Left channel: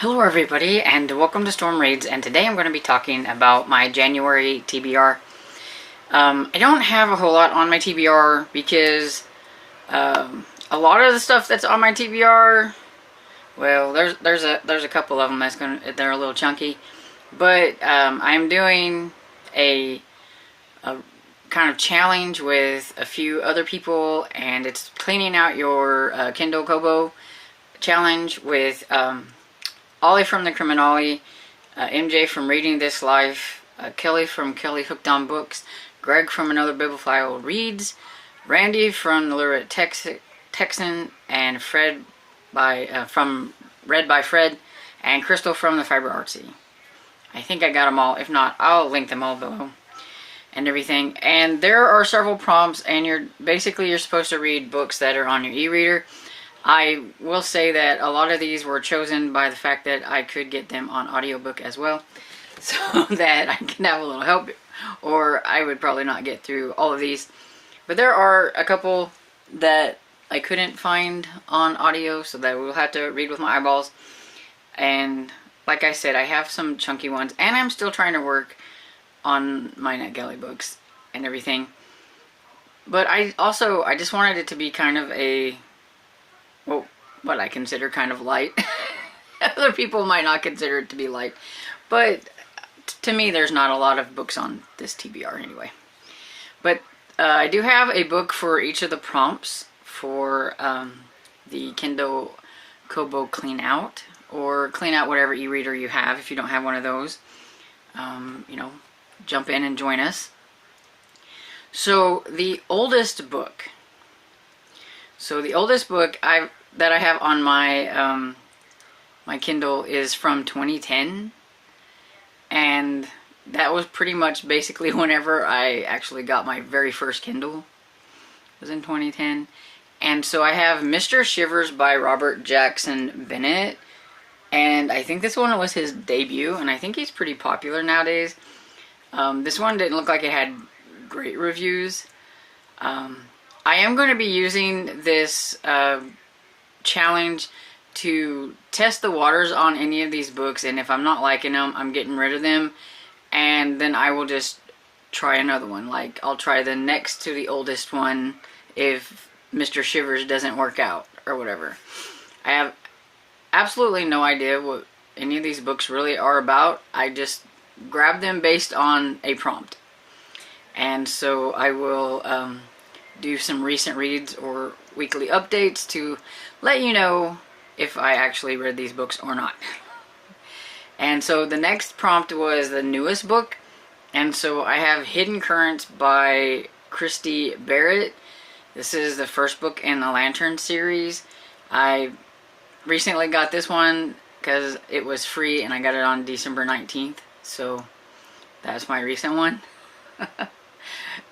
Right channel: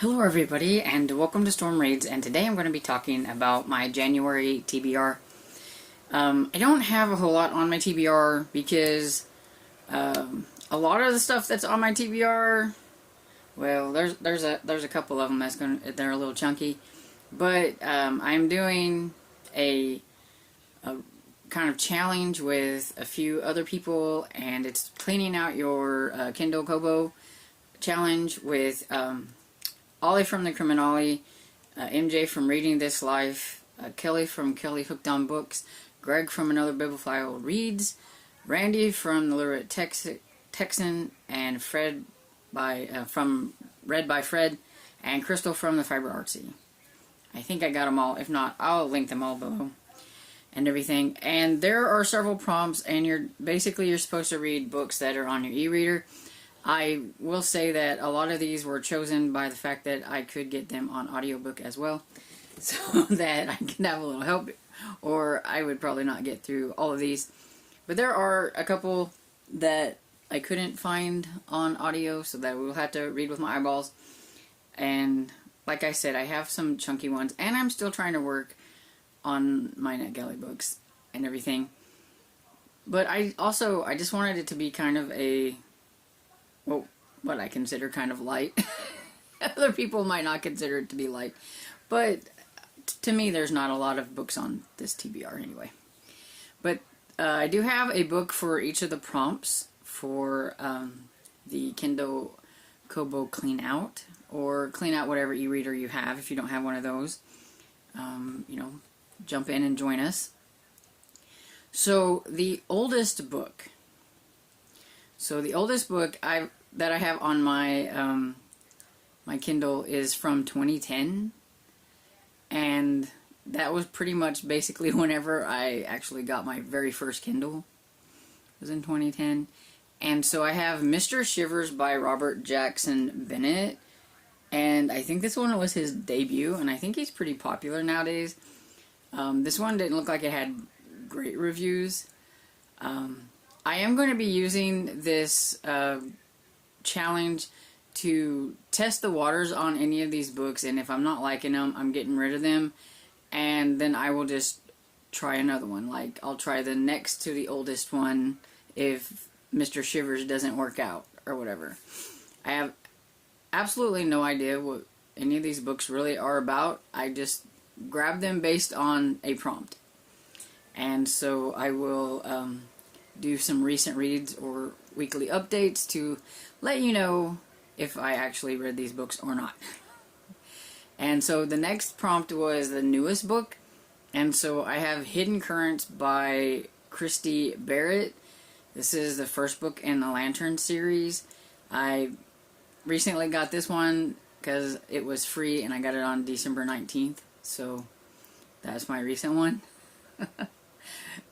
Hello everybody and welcome to Storm Raids, and today I'm going to be talking about my January TBR. I don't have a whole lot on my TBR because a lot of the stuff that's on my TBR, well, there's a couple of them they're a little chunky, but I'm doing a kind of challenge with a few other people, and it's cleaning out your Kindle Kobo challenge with Ollie from the Criminale, MJ from Reading This Life, Kelly from Kelly Hooked on Books, Greg from Another Bibliophile Reads, Randy from the Literate Texan, and Fred from Read by Fred, and Crystal from the Fiber Artsy. I think I got them all. If not, I'll link them all below and everything. And there are several prompts, and you're supposed to read books that are on your e-reader. I will say that a lot of these were chosen by the fact that I could get them on audiobook as well, so that I can have a little help, or I would probably not get through all of these. But there are a couple that I couldn't find on audio, so that we'll have to read with my eyeballs. And like I said, I have some chunky ones, and I'm still trying to work on my NetGalley books and everything. But I just wanted it to be kind of a, well, what I consider kind of light. Other people might not consider it to be light, but to me there's not a lot of books on this TBR anyway. But I do have a book for each of the prompts for the Kindle Kobo Cleanout, or Cleanout whatever e-reader you have. If you don't have one of those, jump in and join us. So the oldest book that I have on my my Kindle is from 2010, and that was pretty much basically whenever I actually got my very first Kindle. It was in 2010. And so I have Mr. Shivers by Robert Jackson Bennett, and I think this one was his debut, and I think he's pretty popular nowadays. This one didn't look like it had great reviews. I am going to be using this challenge to test the waters on any of these books, and if I'm not liking them, I'm getting rid of them, and then I will just try another one. Like, I'll try the next to the oldest one if Mr. Shivers doesn't work out, or whatever. I have absolutely no idea what any of these books really are about. I just grab them based on a prompt. And so I will do some recent reads or weekly updates to let you know if I actually read these books or not. And so the next prompt was the newest book, and so I have Hidden Currents by Christy Barrett. This is the first book in the Lantern series. I recently got this one because it was free, and I got it on December 19th, so that's my recent one.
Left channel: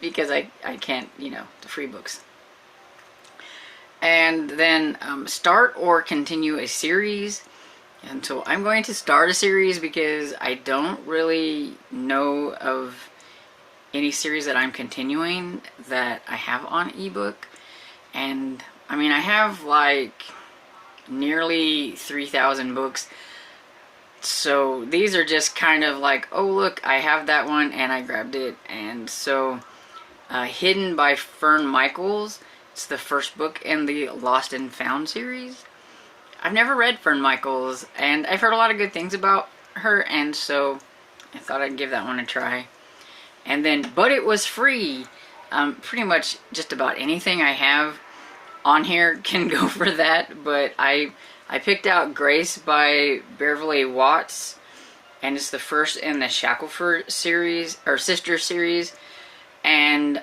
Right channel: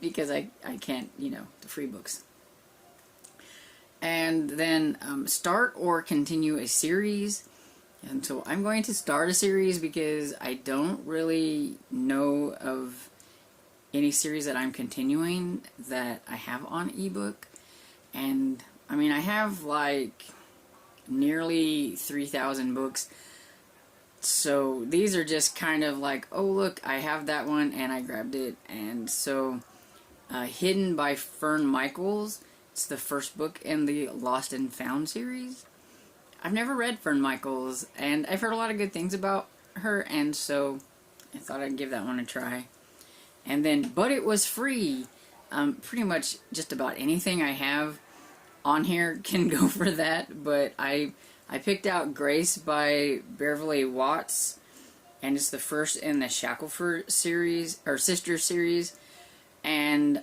Because I can't, the free books. And then start or continue a series. And so I'm going to start a series because I don't really know of any series that I'm continuing that I have on ebook. And I mean, I have like nearly 3,000 books. So these are just kind of like, oh look, I have that one and I grabbed it. And so Hidden by Fern Michaels, it's the first book in the Lost and Found series. I've never read Fern Michaels, and I've heard a lot of good things about her, and so I thought I'd give that one a try. And then, but it was free. Pretty much just about anything I have on here can go for that, but I picked out Grace by Beverly Watts, and it's the first in the Shackelford series, or sister series, and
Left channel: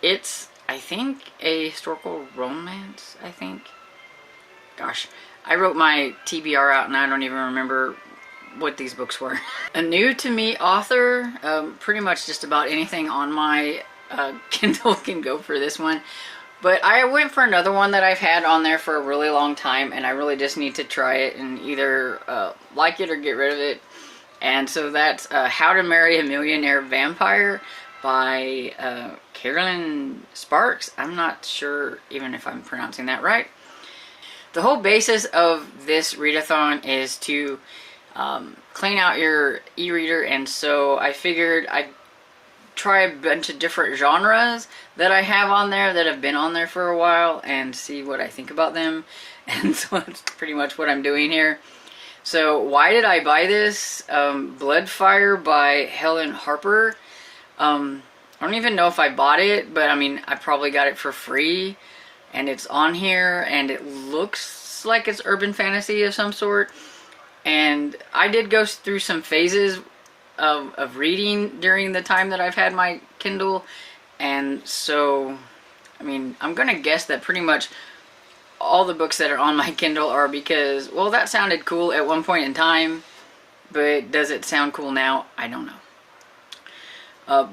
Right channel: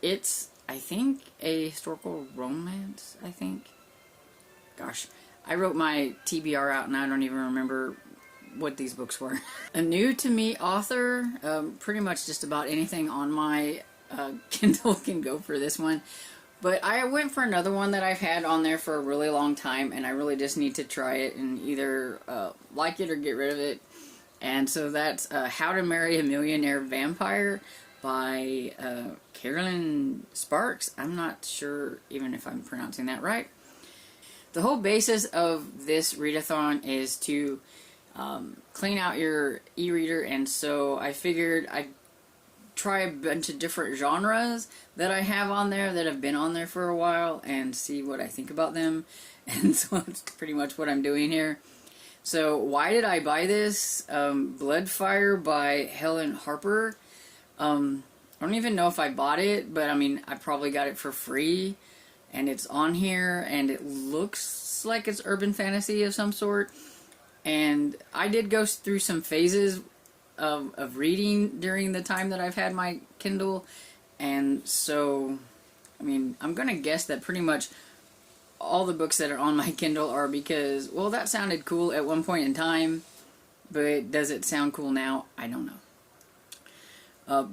it's, I think, a historical romance, I think. Gosh, I wrote my TBR out and I don't even remember what these books were. A new to me author, pretty much just about anything on my Kindle can go for this one. But I went for another one that I've had on there for a really long time, and I really just need to try it and either like it or get rid of it. And so that's How to Marry a Millionaire Vampire by Carolyn Sparks. I'm not sure even if I'm pronouncing that right. the whole basis of this readathon is to clean out your e-reader, and so I figured I'd try a bunch of different genres that I have on there that have been on there for a while and see what I think about them. And so that's pretty much what I'm doing here. So why did I buy this? Bloodfire by Helen Harper. I don't even know if I bought it, but I mean, I probably got it for free, and it's on here, and it looks like it's urban fantasy of some sort. And I did go through some phases of reading during the time that I've had my Kindle, and so, I mean, I'm gonna guess that pretty much all the books that are on my Kindle are because, well, that sounded cool at one point in time, but does it sound cool now? I don't know.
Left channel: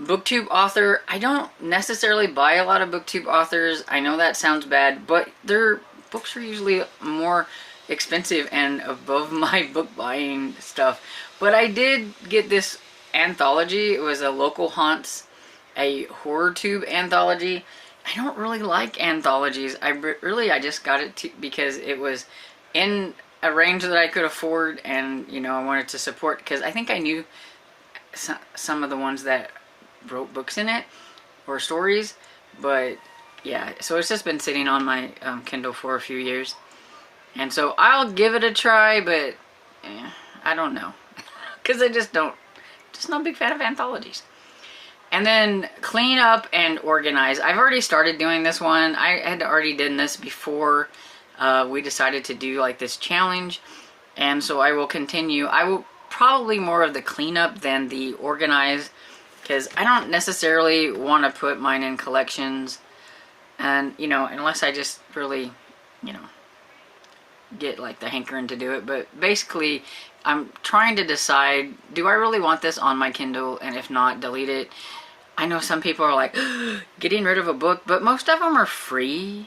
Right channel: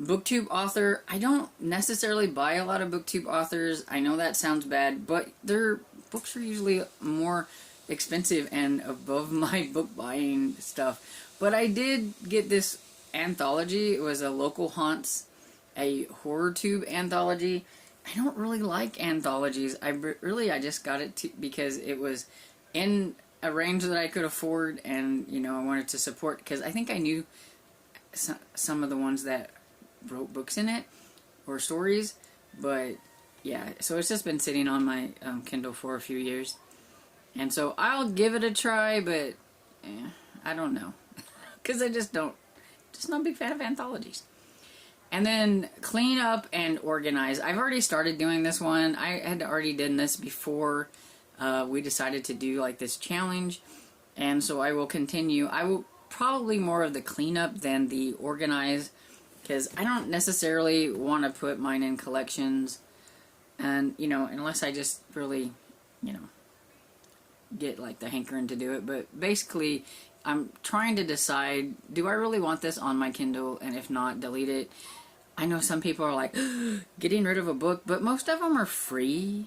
BookTube author, I don't necessarily buy a lot of BookTube authors. I know that sounds bad, but their books are usually more expensive and above my book buying stuff. But I did get this anthology. It was a Local Haunts, a horror tube anthology. I don't really like anthologies. I just got it because it was in a range that I could afford, and you know, I wanted to support, because I think I knew some of the ones that wrote books in it or stories. But yeah, so it's just been sitting on my Kindle for a few years, and so I'll give it a try, but I don't know. Because I just not a big fan of anthologies. And then Clean Up and Organize. I've already started doing this one. I had already done this before we decided to do like this challenge. And so I will continue. I will probably more of the cleanup than the organize, because I don't necessarily want to put mine in collections. And, you know, unless I just really, you know, get like the hankering to do it. But basically, I'm trying to decide, do I really want this on my Kindle? And if not, delete it. I know some people are like, getting rid of a book, but most of them are free.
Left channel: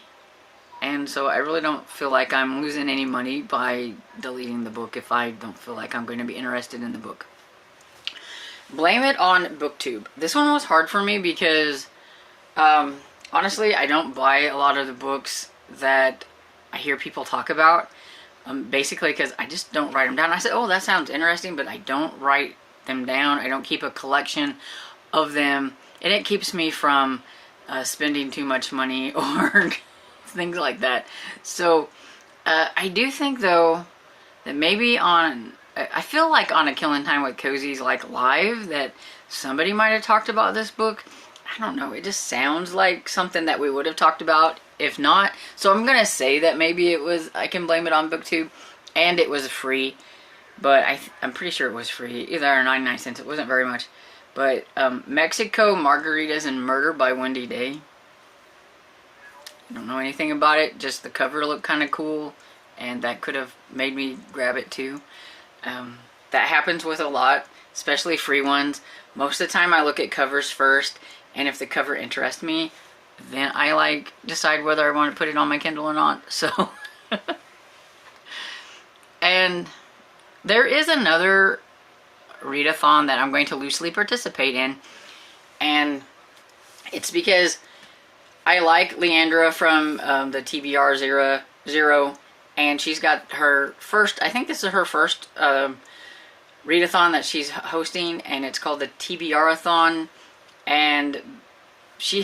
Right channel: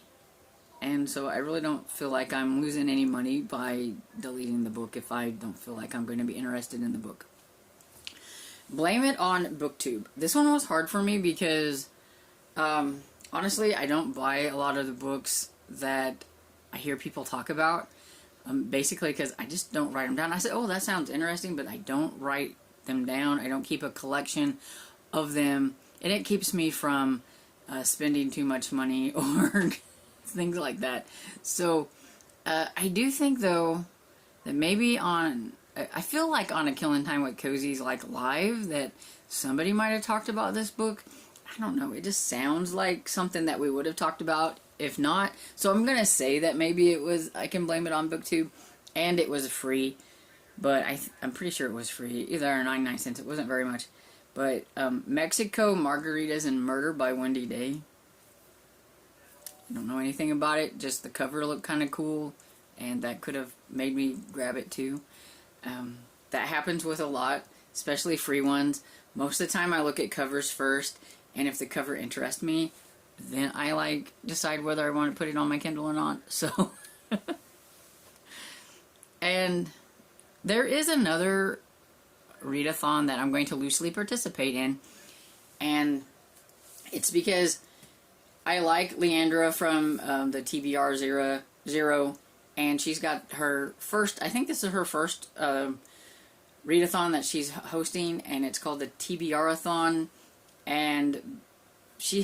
And so I really don't feel like I'm losing any money by deleting the book if I don't feel like I'm going to be interested in the book. Blame It on BookTube. This one was hard for me because, honestly, I don't buy a lot of the books that I hear people talk about. Basically because I just don't write them down. I said, oh, that sounds interesting, but I don't write them down. I don't keep a collection of them, and it keeps me from spending too much money or things like that. So I do think, though, that maybe I feel like on a Killing Time with Cozy's like live, that somebody might have talked about this book. I don't know, it just sounds like something that we would have talked about. If not, so I'm gonna say that maybe it was, I can blame it on BookTube, and it was free, but I'm pretty sure it was free, either 99 cents, it wasn't very much. But Mexico, Margaritas, and Murder by Wendy Day. I don't know anything about it, just the cover looked kind of cool, and that could have made me grab it too. That happens with a lot, especially free ones. Most of the time I look at covers first, and if the cover interests me, then I like decide whether I want to put it on my Kindle or not. So and there is another readathon that I'm going to loosely participate in, and it's because I like Leandra from the TBR Zero, and she's got her first, I think this is her first readathon that she's hosting, and it's called the TBRathon, and she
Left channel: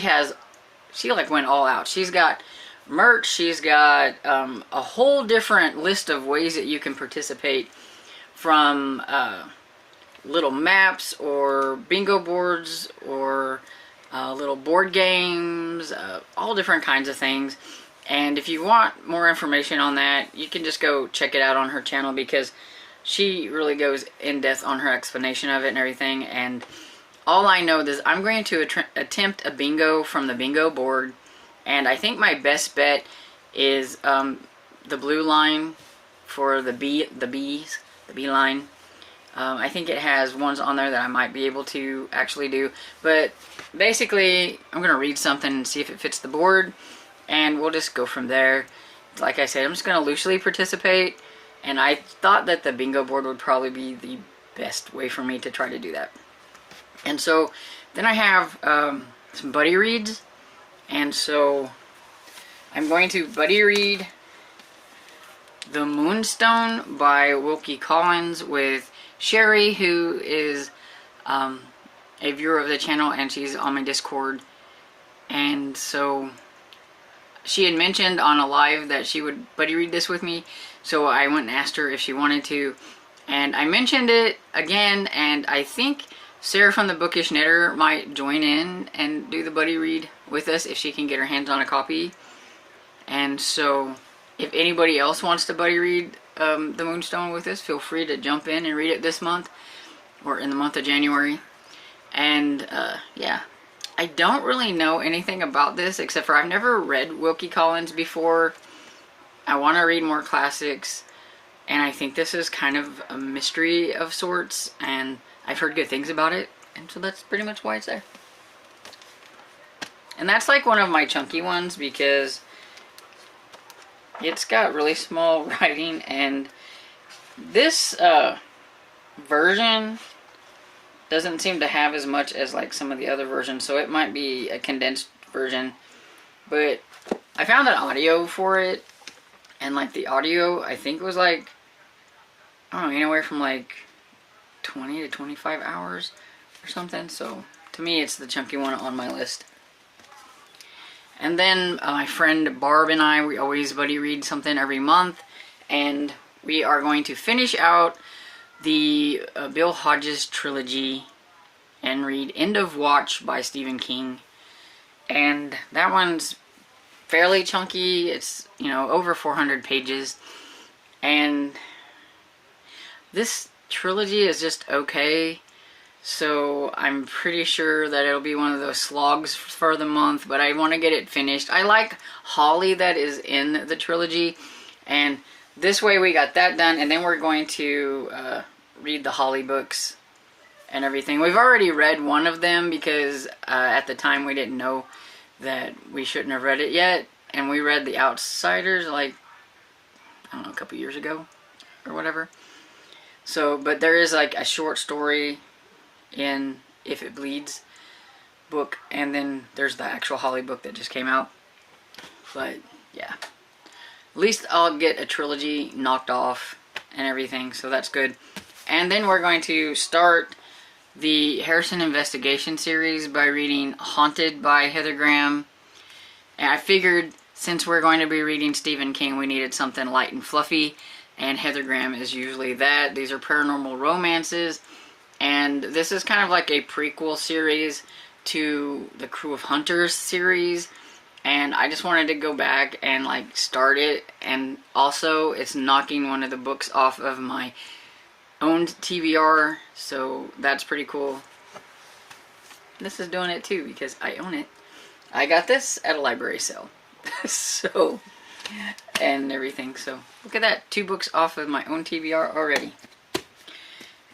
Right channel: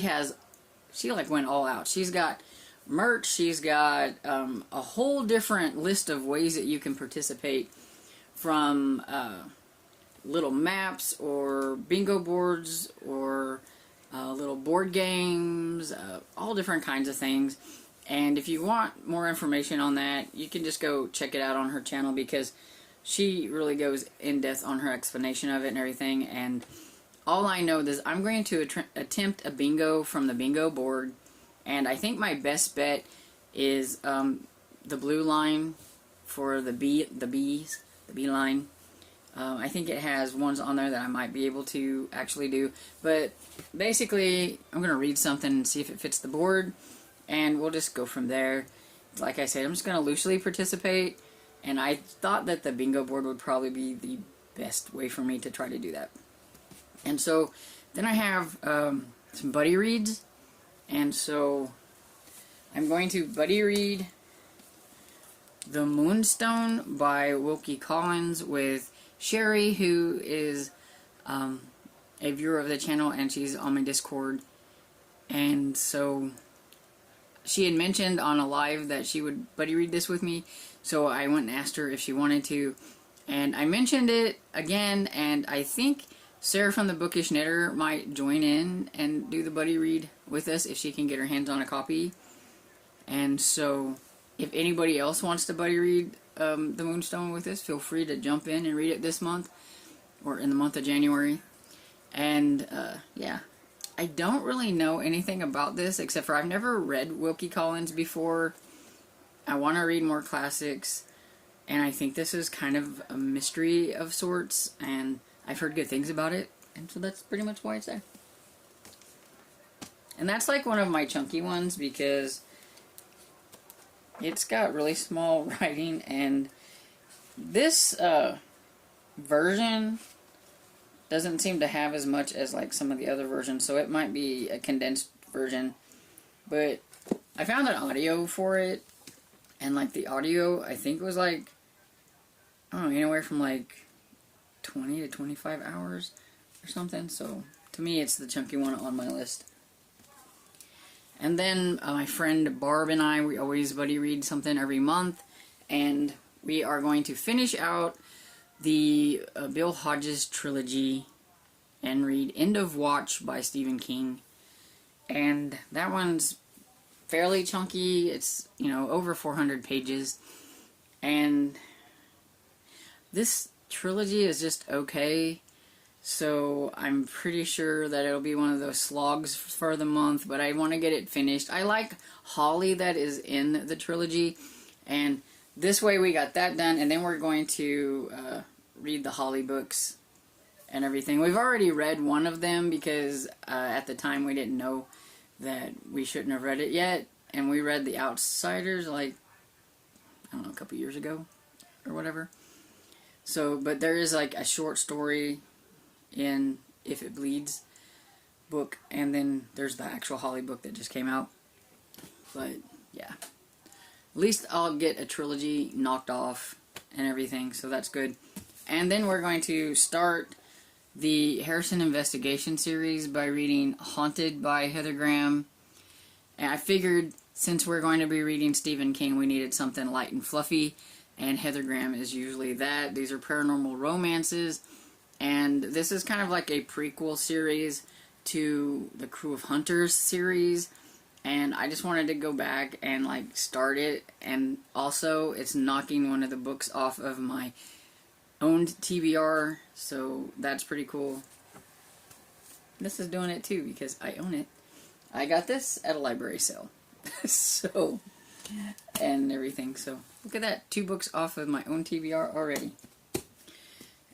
like went all out. She's got merch, she's got a whole different list of ways that you can participate, from little maps or bingo boards or little board games, all different kinds of things. And if you want more information on that, you can just go check it out on her channel, because she really goes in depth on her explanation of it and everything. And all I know is I'm going to attempt a bingo from the bingo board, and I think my best bet is the blue line for the B line. I think it has ones on there that I might be able to actually do. But basically, I'm going to read something and see if it fits the board, and we'll just go from there. Like I said, I'm just going to loosely participate, and I thought that the bingo board would probably be the best way for me to try to do that. And so then I have some buddy reads, and so I'm going to buddy read The Moonstone by Wilkie Collins with Sherry, who is a viewer of the channel, and she's on my Discord. And so she had mentioned on a live that she would buddy read this with me, so I went and asked her if she wanted to, and I mentioned it again, and I think Sarah from the Bookish Knitter might join in and do the buddy read with us if she can get her hands on a copy. And so if anybody else wants to buddy read The Moonstone with us, feel free to jump in and read it this month, or in the month of January. And yeah, I don't really know anything about this except for I've never read Wilkie Collins before. I want to read more classics, and I think this is kind of a mystery of sorts, and I've heard good things about it, and so that's pretty much why it's there. And that's like one of my chunky ones because it's got really small writing, and this version doesn't seem to have as much as like some of the other versions, so it might be a condensed version. But I found an audio for it, and like the audio I think was like, I don't know, anywhere from like 20 to 25 hours or something. So to me it's the chunky one on my list. And then my friend Barb and I, we always buddy read something every month, and we are going to finish out the Bill Hodges trilogy and read End of Watch by Stephen King. And that one's fairly chunky. It's, you know, over 400 pages. And this trilogy is just okay. So I'm pretty sure that it'll be one of those slogs for the month, but I want to get it finished. I like Holly that is in the trilogy, and this way we got that done, and then we're going to read the Holly books and everything. We've already read one of them because at the time we didn't know that we shouldn't have read it yet, and we read The Outsiders like, I don't know, a couple years ago or whatever. So, but there is like a short story in If It Bleeds book, and then there's the actual Holly book that just came out. But yeah, at least I'll get a trilogy knocked off and everything, so that's good. And then we're going to start the Harrison Investigation series by reading Haunted by Heather Graham. And I figured since we're going to be reading Stephen King, we needed something light and fluffy, and Heather Graham is usually that. These are paranormal romances, and this is kind of like a prequel series to the Crew of Hunters series, and I just wanted to go back and like start it. And also it's knocking one of the books off of my owned TBR, so that's pretty cool. This is doing it too because I own it. I got this at a library sale. So, and everything, so look at that, 2 books off of my own TBR already.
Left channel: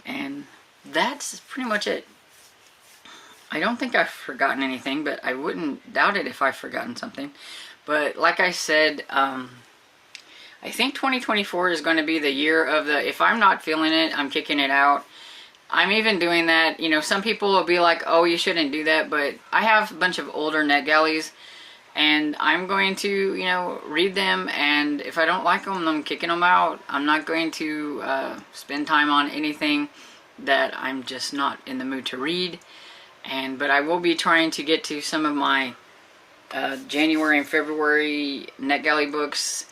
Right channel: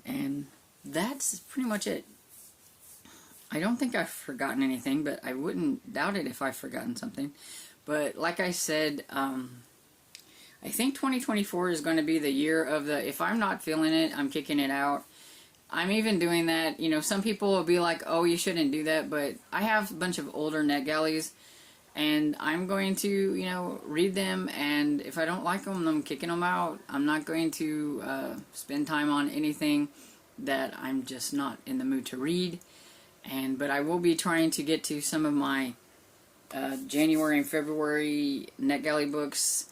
And that's pretty much it. I don't think I've forgotten anything, but I wouldn't doubt it if I've forgotten something. But like I said, I think 2024 is going to be the year of the, if I'm not feeling it, I'm kicking it out. I'm even doing that. You know, some people will be like, oh, you shouldn't do that, but I have a bunch of older NetGalleys, and I'm going to, you know, read them, and if I don't like them, I'm kicking them out. I'm not going to spend time on anything that I'm just not in the mood to read. But I will be trying to get to some of my January and February NetGalley books.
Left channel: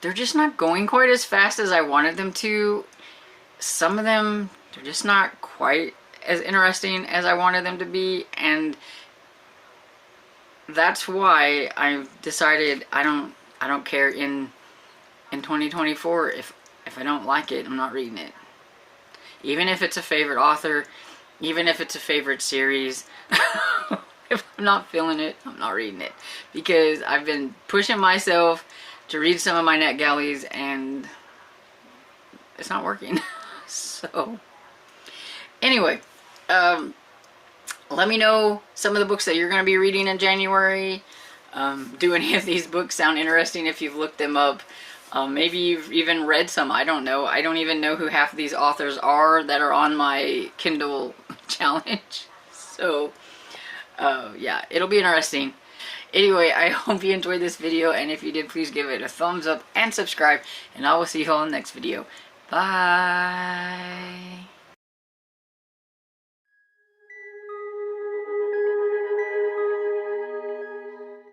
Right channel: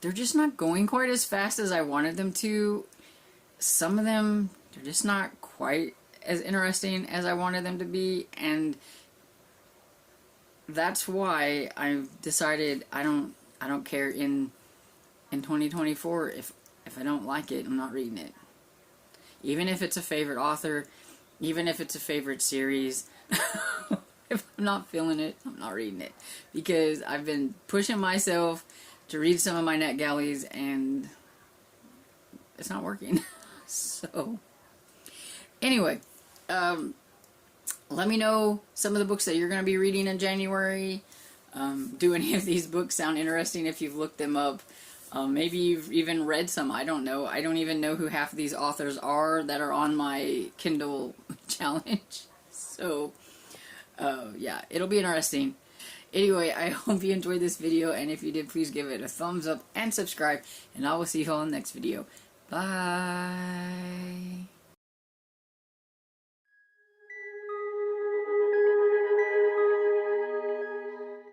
They're just not going quite as fast as I wanted them to. Some of them, they're just not quite as interesting as I wanted them to be, and that's why I've decided I don't care in 2024 if I don't like it, I'm not reading it. Even if it's a favorite author, even if it's a favorite series, if I'm not feeling it, I'm not reading it. Because I've been pushing myself to read some of my NetGalleys, and it's not working. So, anyway, let me know some of the books that you're going to be reading in January. Do any of these books sound interesting if you've looked them up? Maybe you've even read some. I don't know. I don't even know who half of these authors are that are on my Kindle challenge. So, yeah, it'll be interesting. Anyway, I hope you enjoyed this video, and if you did, please give it a thumbs up and subscribe, and I will see you all in the next video. Bye!